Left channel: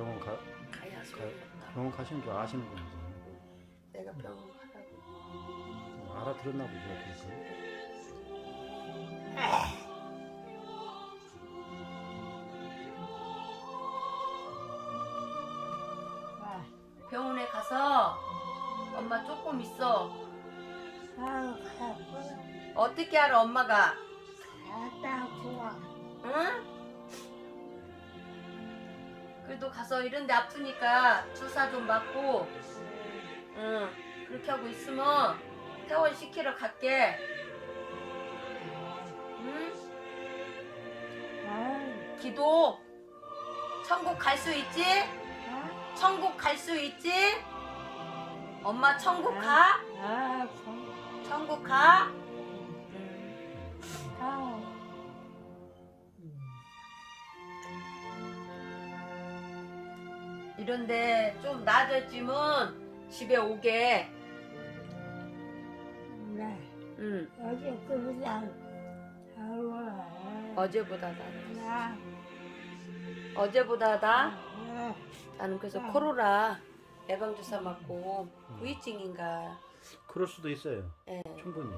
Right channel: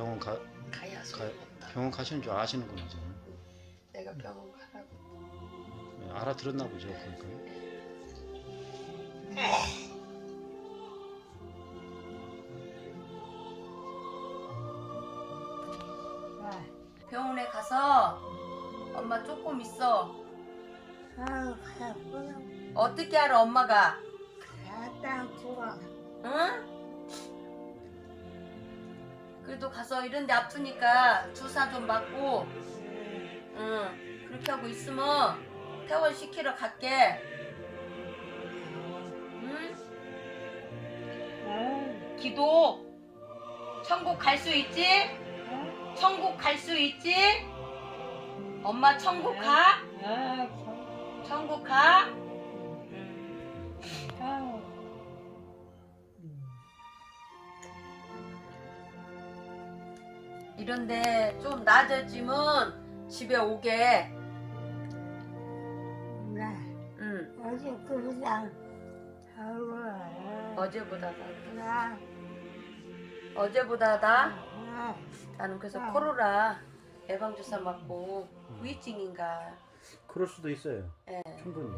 병원 가, 가야 가. 병원 가시는 줄 아시는구나 이제. 내가 병원 가라고. 어, 알아들었나 보죠. 그러니까. 아, 병원에 가서 엄마 조금 있어. 아유, 가쁘다. 어떻게 알아 엄마가? 갔다 좋아. 응? 그래도 가서 이런데 아프니까 주사 좀 맞고, 응. 그렇게 하고 있으면 퇴원 시키러 갈게. 응? 아, 기도 천국 갈 수 있지? 아, 천국 갈 수 있지? 엄마 천국 가? 아, 참. 천국 가? 이런데 좀 나아졌지면 집에 오게. 나 응. 어제 그보다 하루 어제보다 나. 나 어제보다 나. 아, 나는 그래서 아. 코로나 예방 주사 맞고 음. 후유증인가. 그럴 수도 있어요. 예. 충분히.